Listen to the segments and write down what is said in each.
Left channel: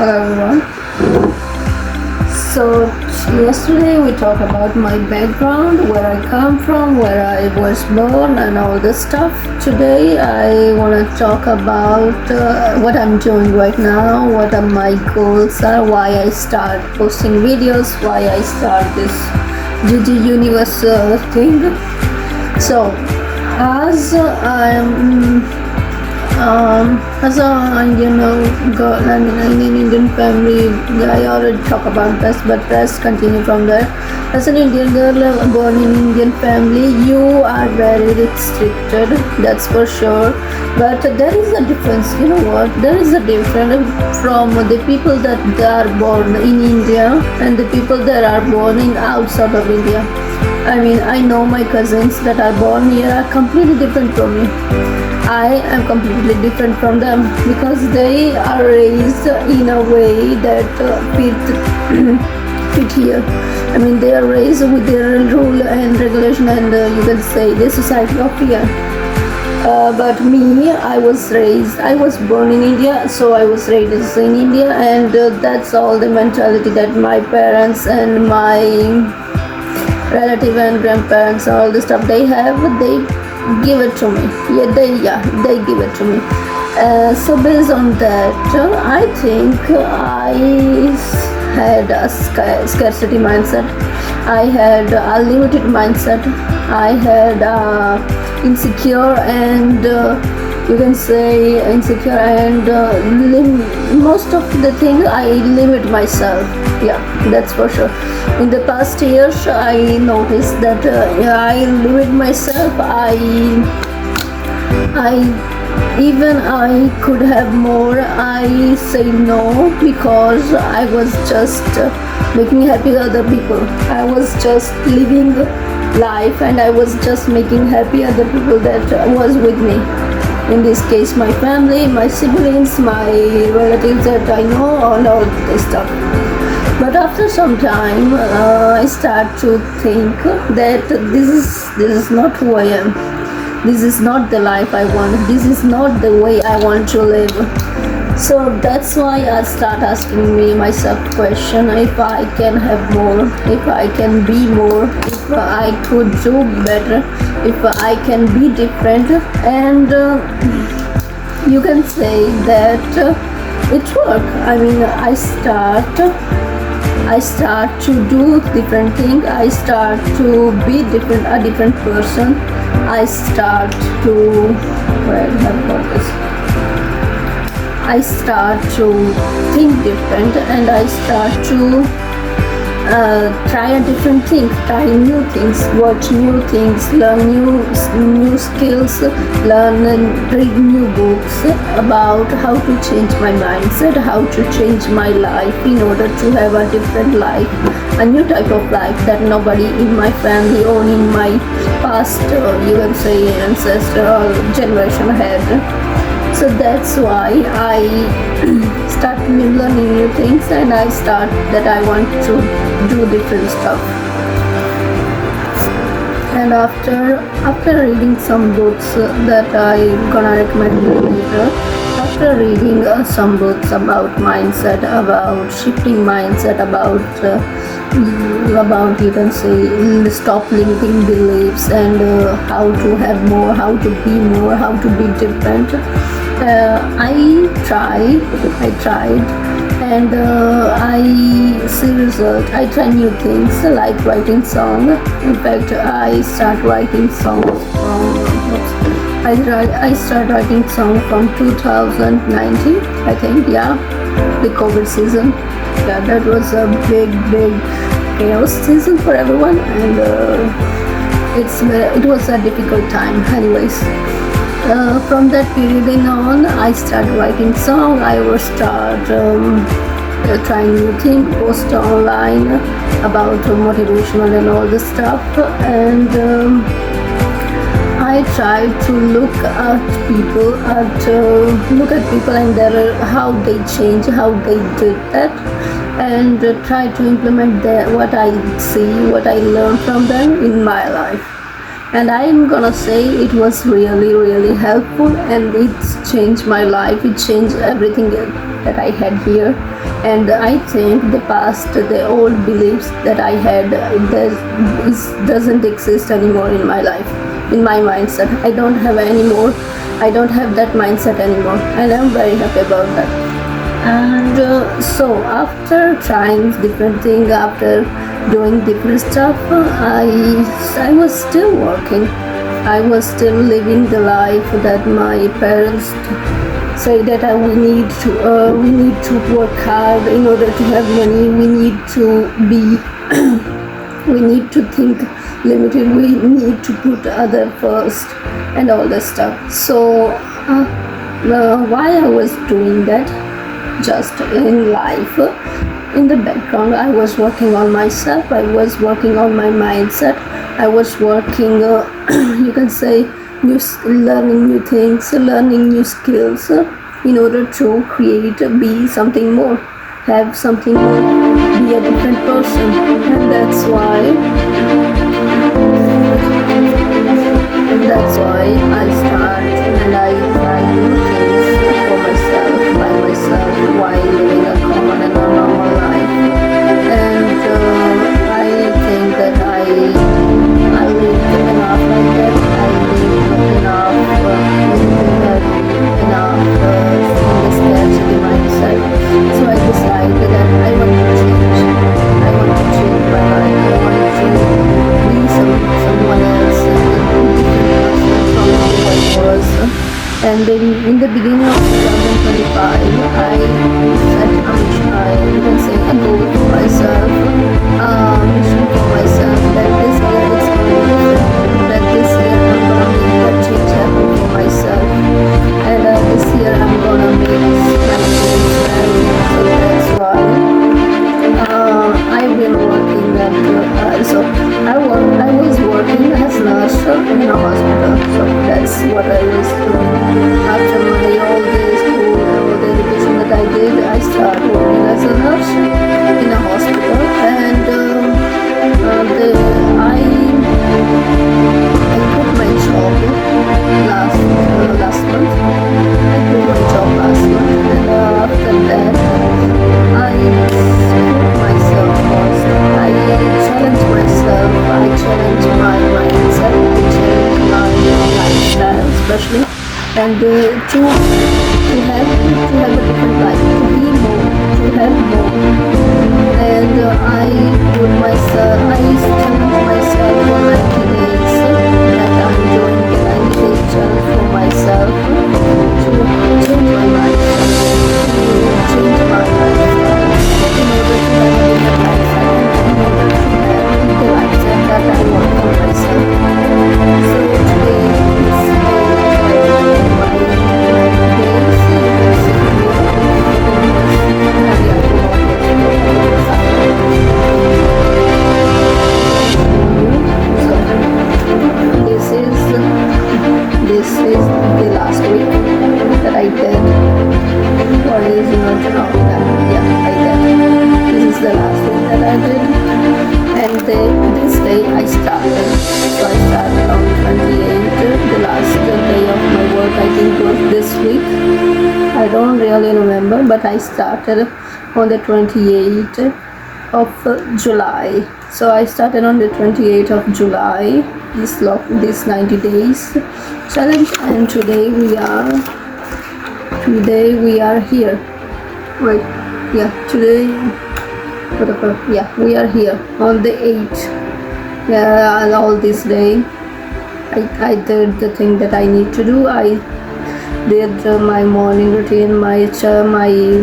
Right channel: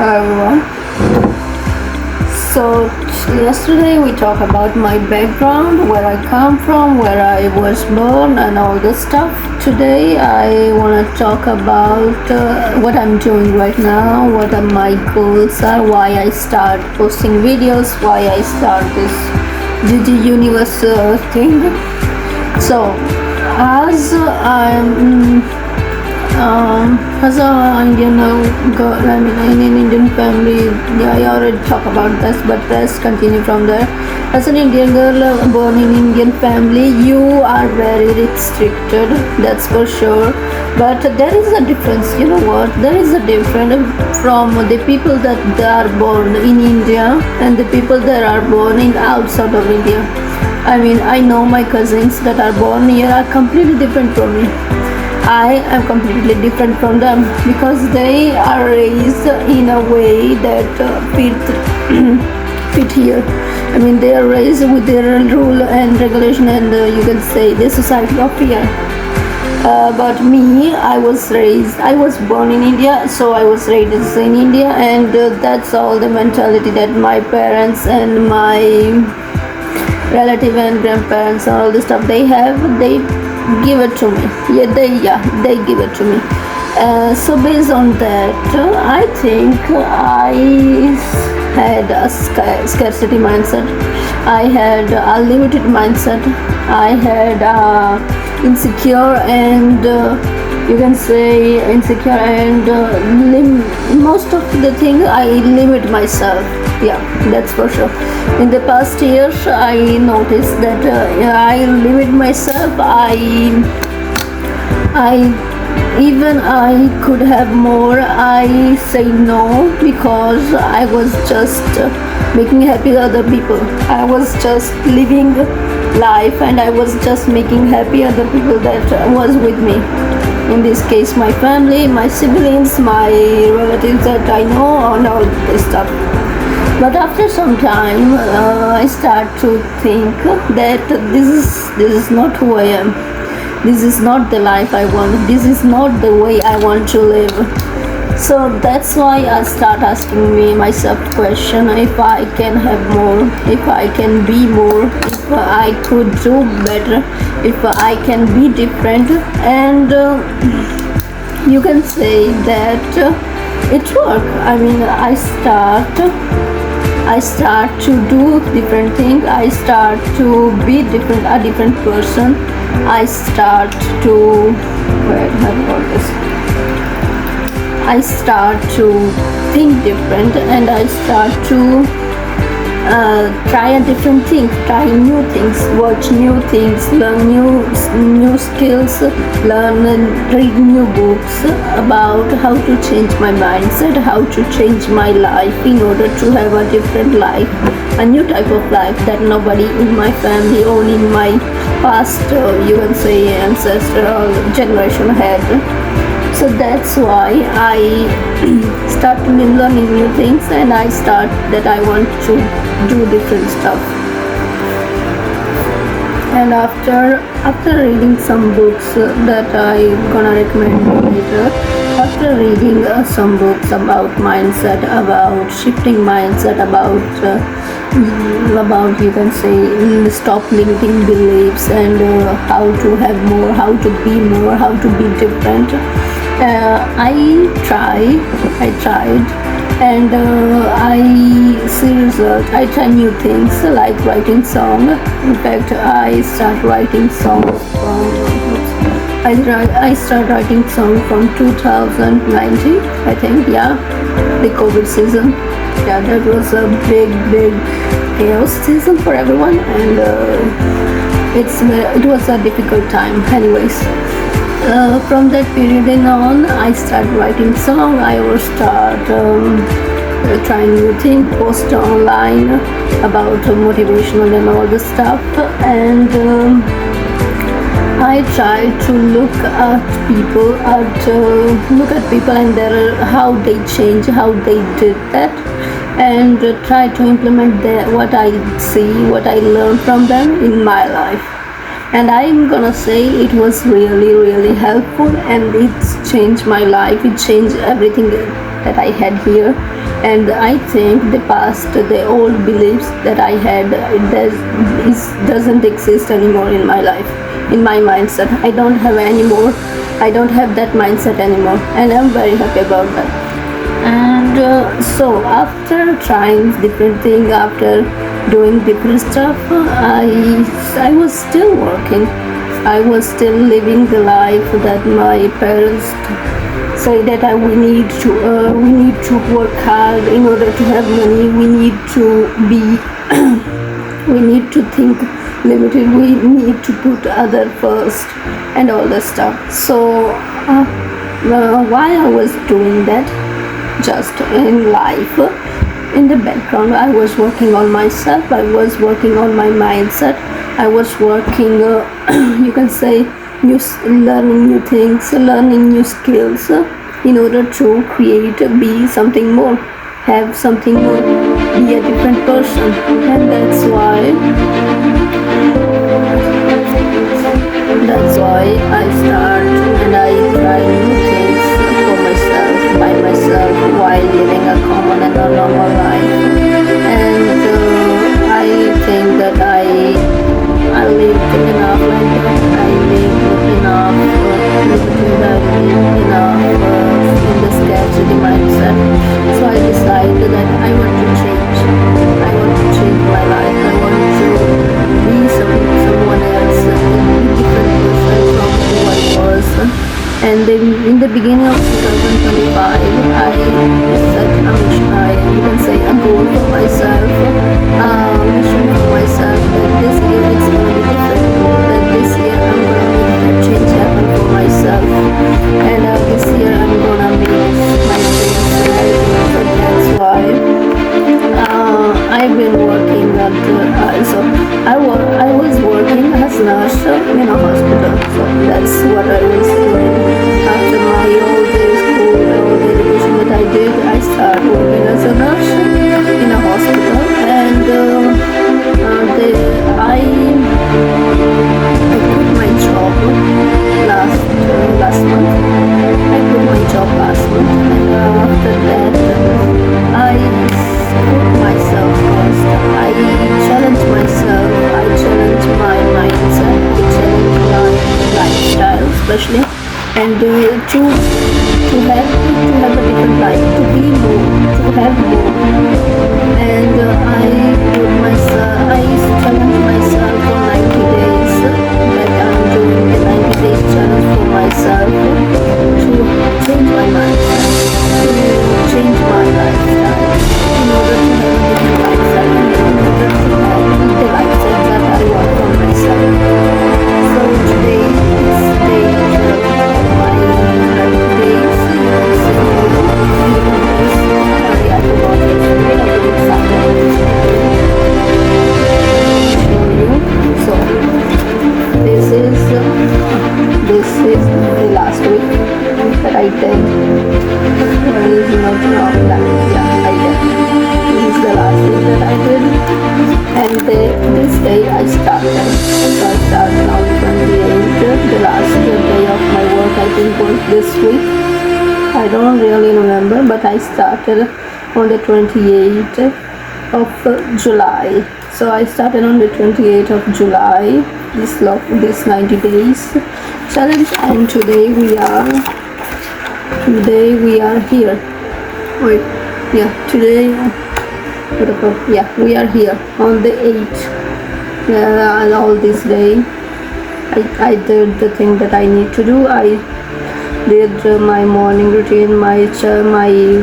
everyone. So yesterday we talked about my background, where I come from, where I was born, and all this stuff. Today I want to talk about what I'm doing right now, what are my goals are, why I start posting videos, why I start this GG.UNIVERSE thing. So as as an Indian girl, in an Indian family, I already talk about this, but let's continue from there. As an Indian girl born in Indian family, you are very restricted, that's for sure. But there is a difference, you know what? There is a difference from the people that are born in India and the people that are born in outside of India. I know my cousins that are born here are completely different from me. I am completely different from them because they are raised in a way that fit here. They are raised with their rule and regulation and you can say the society of here. But me, I was born in India, so I was raised in India, and that's all the mentality that my parents and my relative and grandparents, all the stuff they have, they give it to me. They give it to me. So based on that, I think I had a scarcity mindset. I had a limited mindset. I had insecure and you can say insecure and most of the things I limit myself. Yeah, that's for sure. In the past years, I noticed that I limit myself. I could have more. I say no because I was just making happy other people. I was just living life and I was just making happy other people that was with me. In this case, my family, my siblings, my relatives that I know, and all this stuff. But after some time, I start to think that this is not who I am. This is not the life I want. This is not the way I want to live. So that's why I start asking myself question: if I can have more, if I can be more, if I could do better, if I can be different, and you can say that it works. I start to do different things. I start to be a different person. I start to I start to think different, and I start to try a different thing, try new things, watch new things, learn new skills, learn and read new books about how to change my mindset, how to change my life in order to have a different life, a new type of life that nobody in my family or in my past, you can say ancestral generation had. So that's why I start learning new things, and I start that I want to do different stuff. And after reading some books that I'm gonna recommend you later, after reading some books about mindset, about shifting mindset, about you can say stop limiting beliefs, and how to have more, how to be more, how to be different. I tried and I see result. I try new things like writing song. In fact, I start writing songs I start writing song from 2019, I think. Yeah, the COVID season. Yeah, that was a big chaos season for everyone, and it was a difficult time. Anyways. From that period on, I start writing song. I will start trying new things, post online about motivational and all this stuff, and I try to look at people and how they change, how they did that, and try to implement what I see, what I learn from them in my life. And I'm gonna say it was really helpful, and it's changed my life. It changed everything that I had here. And I think the past, the old beliefs that I had, doesn't exist anymore in my life, in my mindset. I don't have that mindset anymore, and I'm very happy about that. And so after trying different things, after doing different stuff, I was still working. I was still living the life that my parents say that we need to work hard in order to have money. We need to be we need to think limited. We need to put other first and all that stuff. So while I was doing that, just in life, in the background, I was working on myself. I was working on my mindset. I was working, you can say, learning new things, learning new skills, in order to be something more, have something more, be a different person. And that's why I start and I try new things for myself, by myself, while living a common and a normal life. And I think that I live enough like that. I live enough limited. I live enough in the scarcity mindset. So I decided that I want to change. I want to change my life. I want to be someone else, a different person from who I was. And in the beginning of 2025, I set a mission, you can say a goal for myself, a mission for myself, that this year it's going to be different, that this year I'm going to make that change happen for myself, and this year I'm going to make my dreams reality. So that's why I've been working I was working as a nurse in a hospital. So that's what I was doing. After my all day school, all the education that I did, I started working as a nurse in a hospital. And I quit my job last month. I quit my job last month, and after that, I put myself first. I challenge myself. I challenge my mindset. I challenge my lifestyle, especially, and to have a different life, to be more, to have more. And I challenge myself for 90 days. That I'm doing the 90 days challenge for myself to change my mindset, to change my lifestyle, in order to have a different lifestyle, and in order to have the lifestyle that I want for myself. So today is day 12 of my 90 days. You can see here, I forgot yesterday. I did exactly you. So this is the last week that I did. Or is not now that? Yeah, I did. This is the last week that I did. And this day I started. So I started on 28th. The last day of my work I think was this week. I don't really remember, but I started on the 28th of July. So I started on the 28th of July, this 90 days challenge, and today we are here. Wait, yeah, today, we are here on the 8th. All this day I did the thing that I need to do. I did my morning routine, my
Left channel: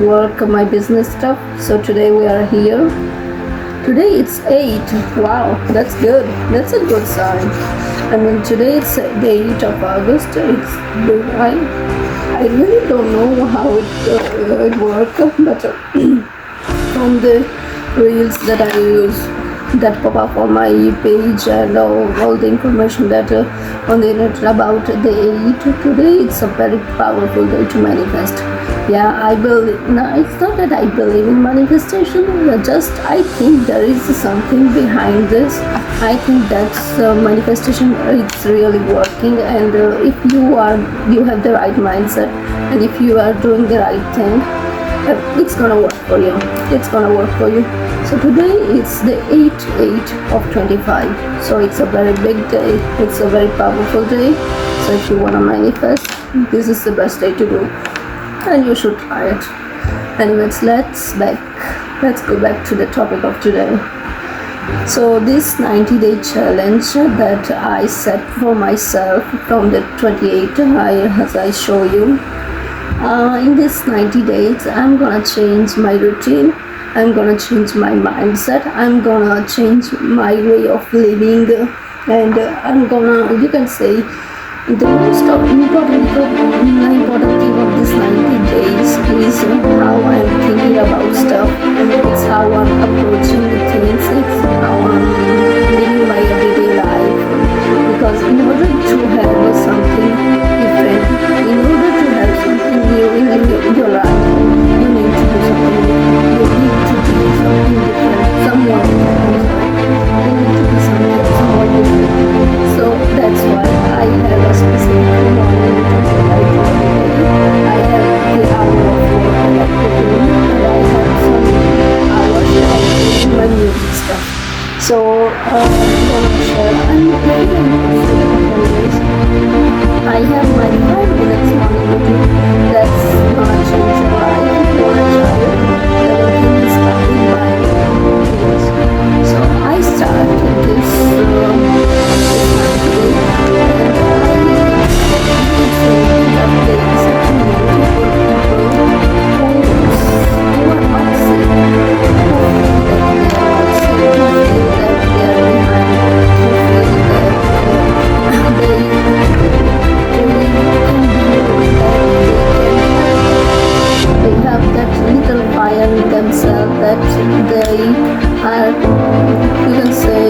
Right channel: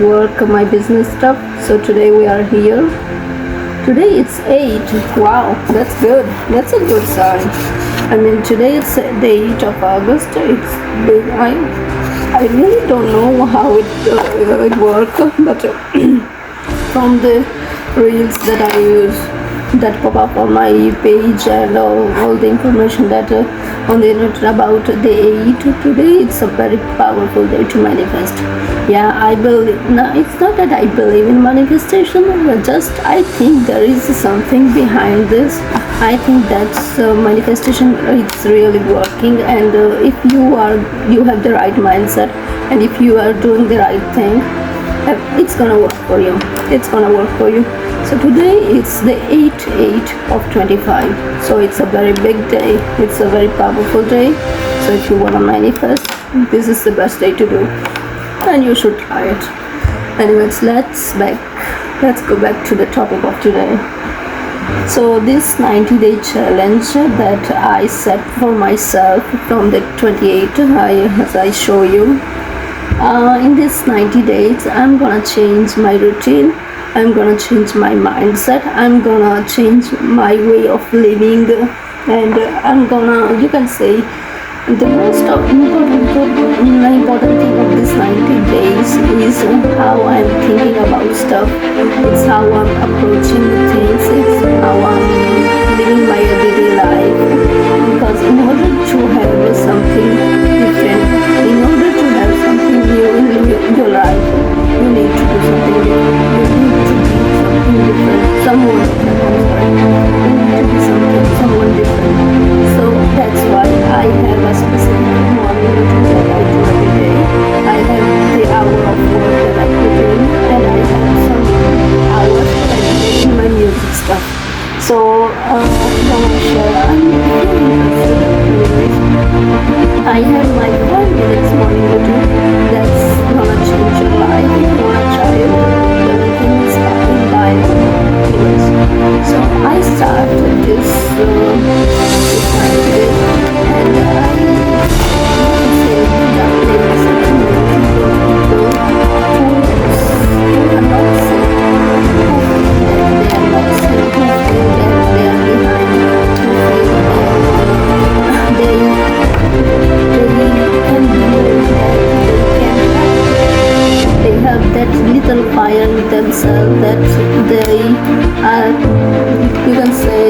work, my business stuff. So today we are here. Today it's 8. Wow, that's good. That's a good sign. I mean, today it's the 8th of August. It's big. I really don't know how it works, but from the reels that I use, that pop up on my page, and all the information that on the internet about the 8th, today it's a very powerful day to manifest. Yeah, I believe. No, it's not that I believe in manifestation. Just I think there is something behind this. I think that's manifestation. It's really working, and if you have the right mindset, and if you are doing the right thing, it's gonna work for you. It's gonna work for you. So today it's the 8/8 of 25. So it's a very big day. It's a very powerful day. So if you wanna manifest, this is the best day to do, and you should try it. Anyways, let's go back to the topic of today. So this 90-day challenge that I set for myself from the 28th, as I show you, in this 90 days I'm gonna change my routine, I'm gonna change my mindset, I'm gonna change my way of living, and I'm gonna, you can say, the most important thing of this 90 days is how I'm thinking about stuff. It's how I'm approaching the things. It's how I'm living my everyday life. Because in order to have something different, in order to have something new in your life, you need to do something different. You need to be something different. Someone different, I'm sorry. You need to be someone different. So that's why I have a specific morning routine that I do every day. I have the hour of work that I put in, and I have some hours that I put in my music stuff. So I'm gonna share. I'm really interested. Anyways, I have my 5 minutes morning routine that's gonna change your life. If you wanna try it, the link is in bio. Anyways, so I started this 90 days, and I would say that there is a community for people who are not sick, who feel that they are not sick, who feel that they are behind, who feel that they can do that, they have that little fire in themselves that they are, you can say,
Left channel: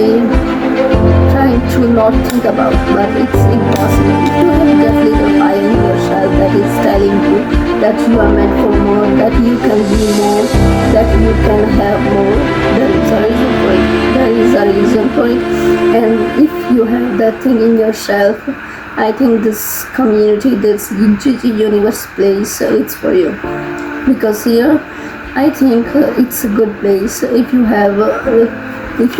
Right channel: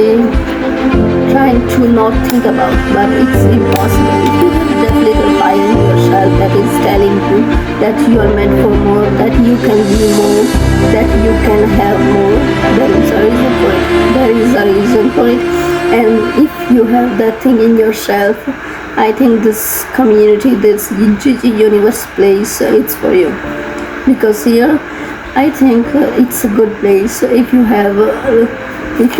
trying to not think about, but it's impossible. If you have that little fire in yourself that is telling you that you are meant for more, that you can be more, that you can have more, there is a reason for it. There is a reason for it. And if you have that thing in yourself, I think this community, this GG Universe place, it's for you. Because here, I think it's a good place. If you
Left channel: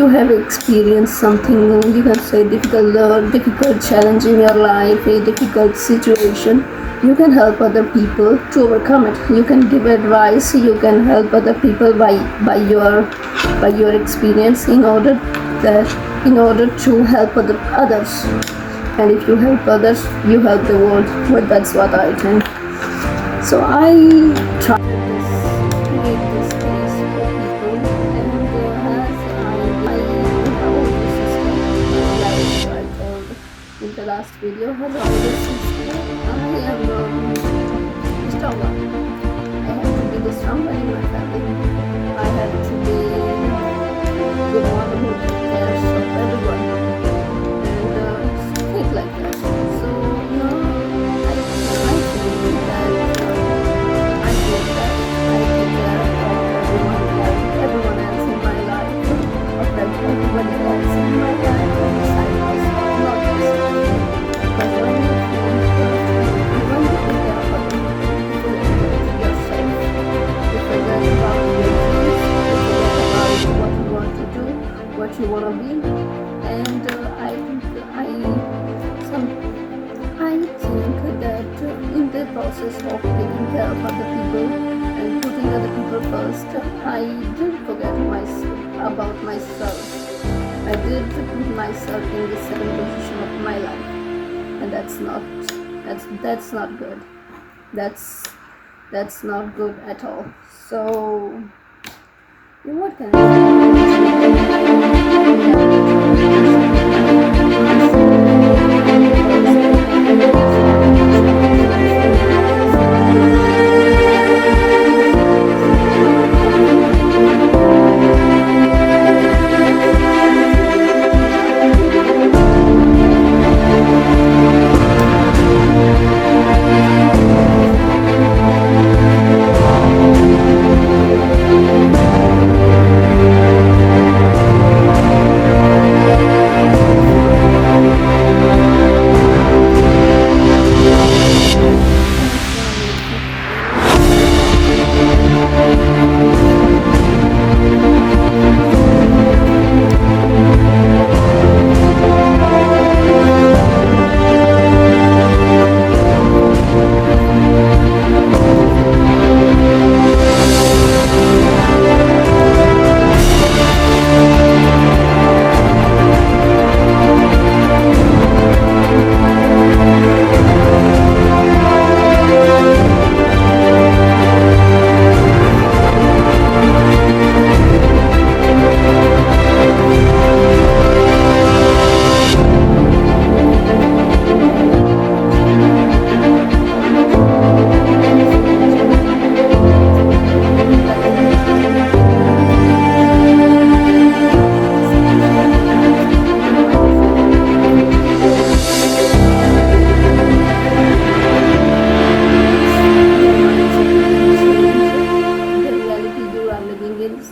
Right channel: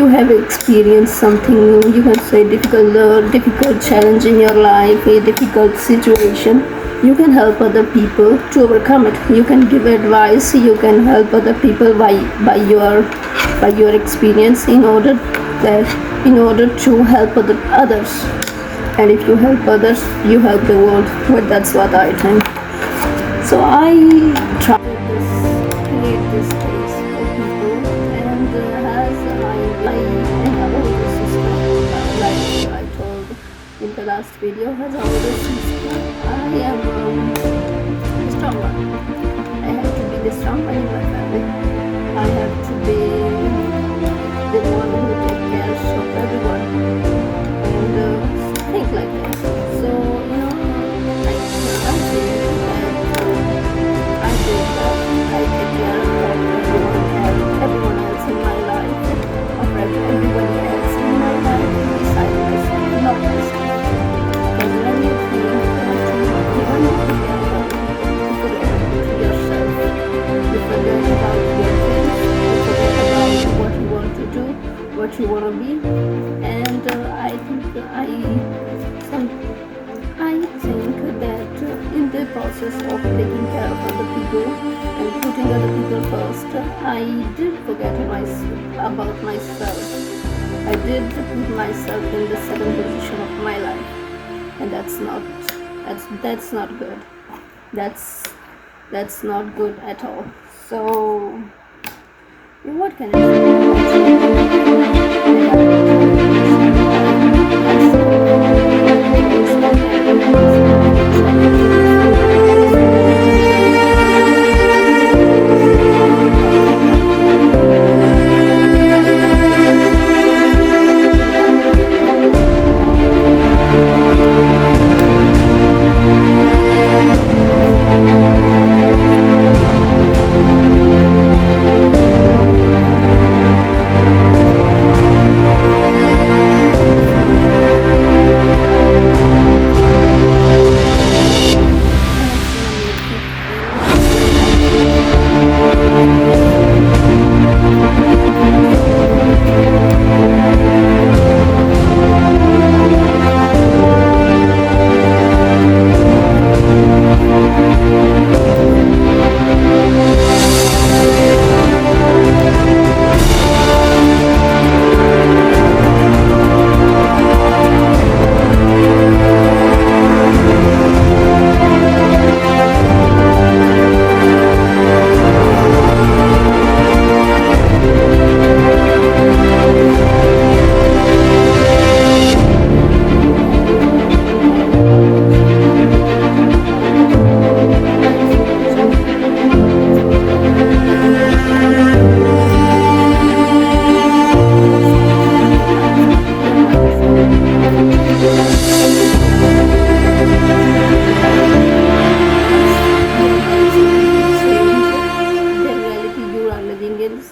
have experienced something, you can say difficult challenge in your life, a difficult situation, you can help other people to overcome it. You can give advice, you can help other people by your experience in order to help others. And if you help others, you help the world. But that's what I think. So I try to create this space for people, and as I am an older sister, like I told in the last video, as an older sister, I am a strong one. I have to be the strong one in my family. I have to be the one who takes care of everyone, and think like that. So I feel that I did that. I take care of everyone else in my life, of everyone else in my life, beside myself, not myself. Because when you think when you take care of other people, you forget about yourself. You forget about your dreams. You forget about what you want to do, what you want to be. And I think that in the process of taking care of other people and putting other people first, I did forget about myself. I did put myself in the second position of my life, and that's not good. That's not good at all. So what can I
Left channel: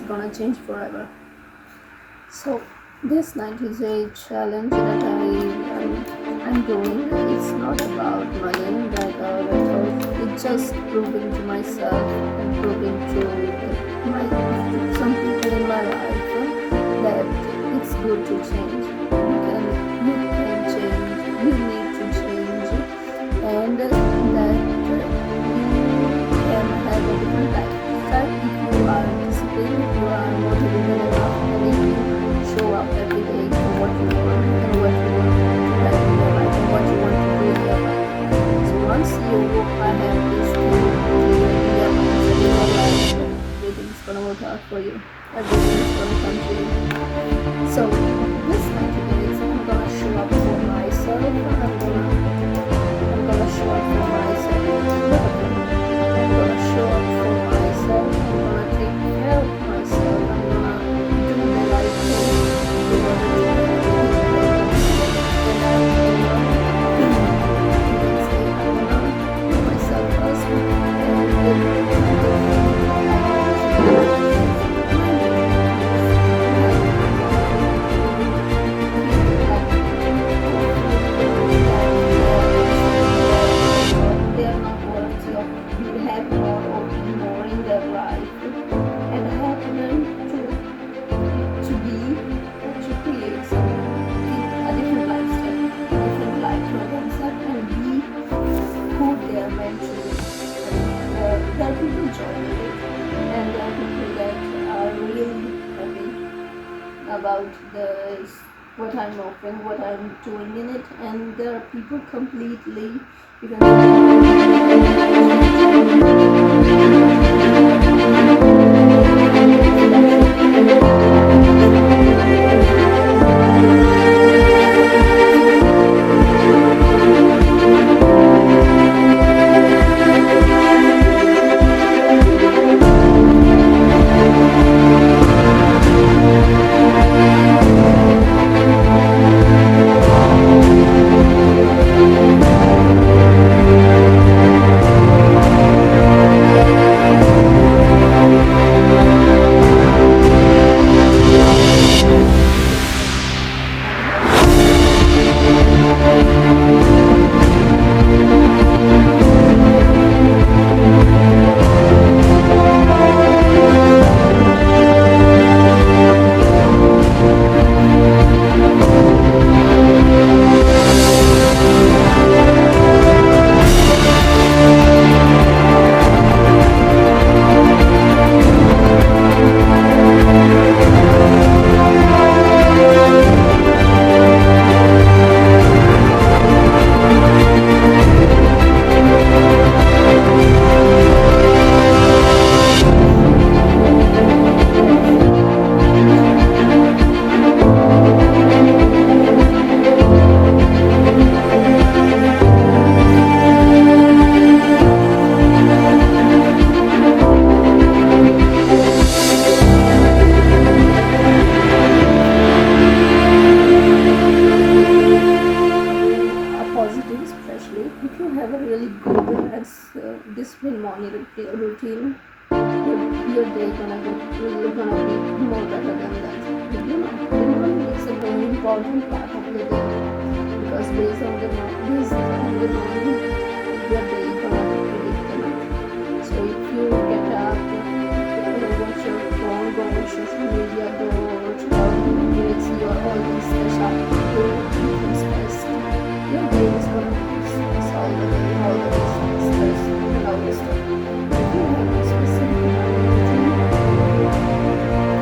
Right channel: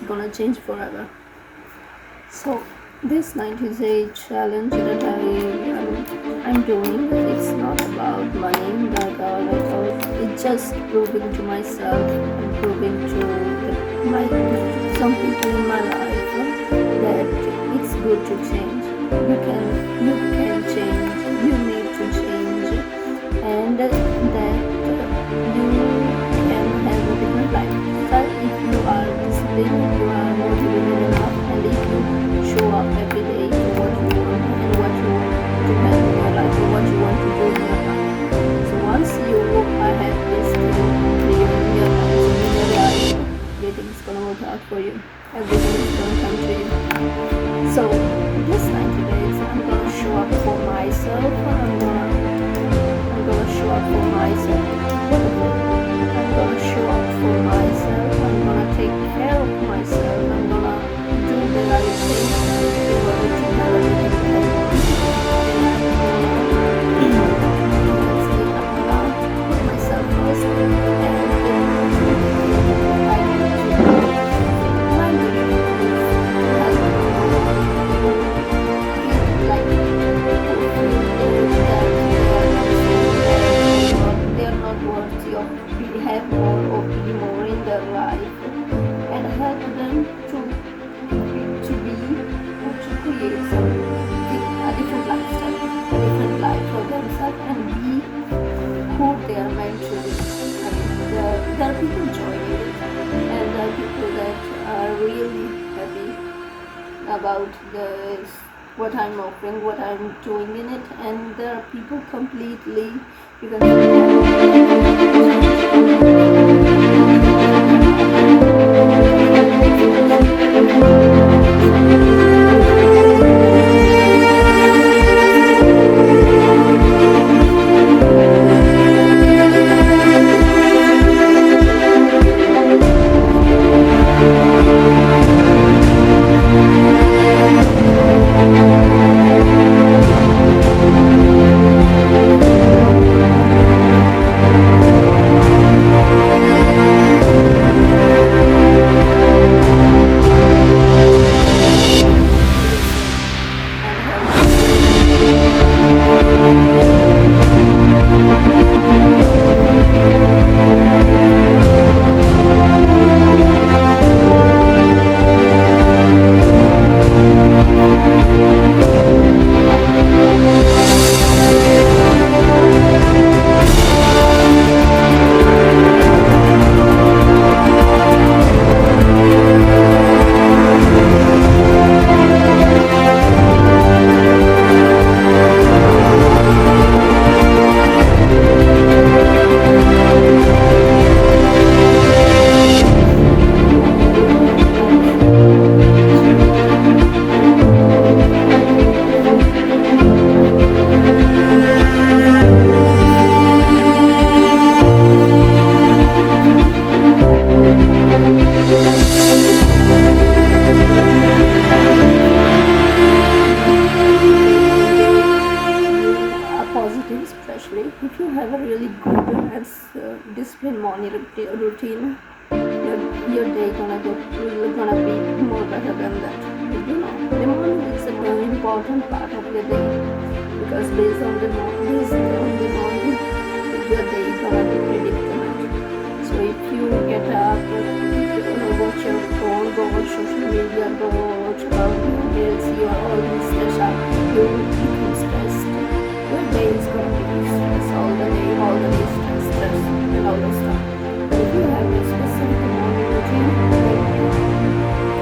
gonna change forever. So this 90-day challenge that I'm doing, it's not about money like I thought. It's just proving to myself and proving to some people in my life that it's good to change. You can change. You need to change, and that you can have a different lifestyle if you are disciplined, if you are motivated enough, and if you show up every day for what you want and what you want to have in your life or what you want to do in your life. So once you have this thing clear in your mind and in your life, everything's gonna work out for you. Everything is gonna come to you. So this 90 days, I'm gonna show up for myself. I'm gonna show up for myself. I'm gonna show up for myself. I'm gonna take care of myself. I'm gonna do the right thing in order to have everything that I want. And I'm gonna put myself first and then I need to do my dream they are not worthy of have more or be more in their life, and help them to be and to create a different lifestyle, a different life for themselves, and be who they are meant to be. I mean, there are people joining it, and there are people that are really happy about what I'm offering, what I'm doing in it, and there are people completely, you can especially if you have a really good and disciplined morning routine, your day gonna be more better than that. You know, the morning is a very important part of the day, because based on the morning, your day gonna be predicament. So if you get up, watch your phone, go on social media, go check out emails, you are always stressed out, you become stressed. Your day is going to be stress all the day stress and all this stuff. But if you have a specific morning routine, then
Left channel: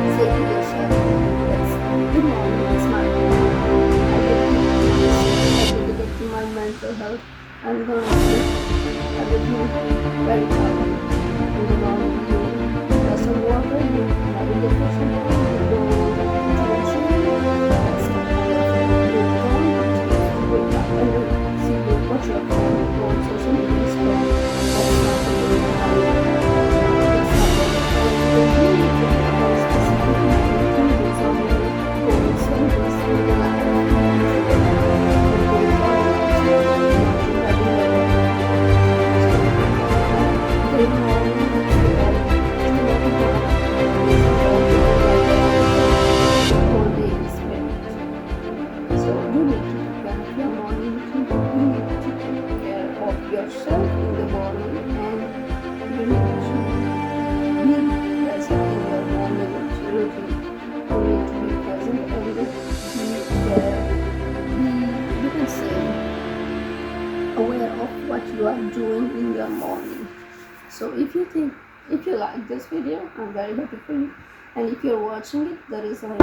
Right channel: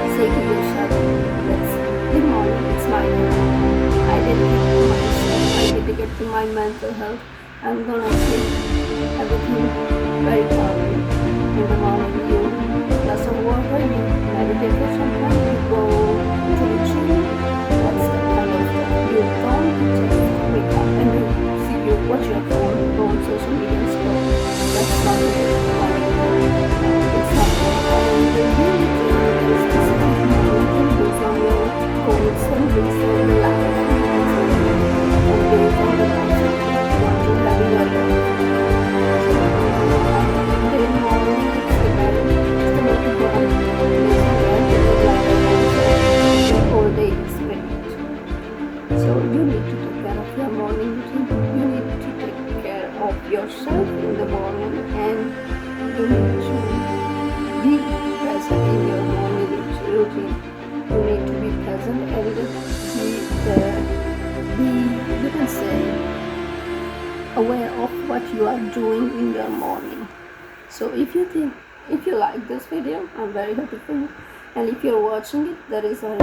you say to yourself, that's good morning, it's my morning. I dedicate to myself, I dedicate to my mental health. I'm going to take everything very thoroughly. In the morning, you glass of water, you meditate for some time, you go to the gym, that's the kind of thing. You don't just wake up and you watch your phone, go on social media and scroll. That's not the way. are doing in your morning. So if you like this video, I'm very happy for you, and if you're watching it, there is a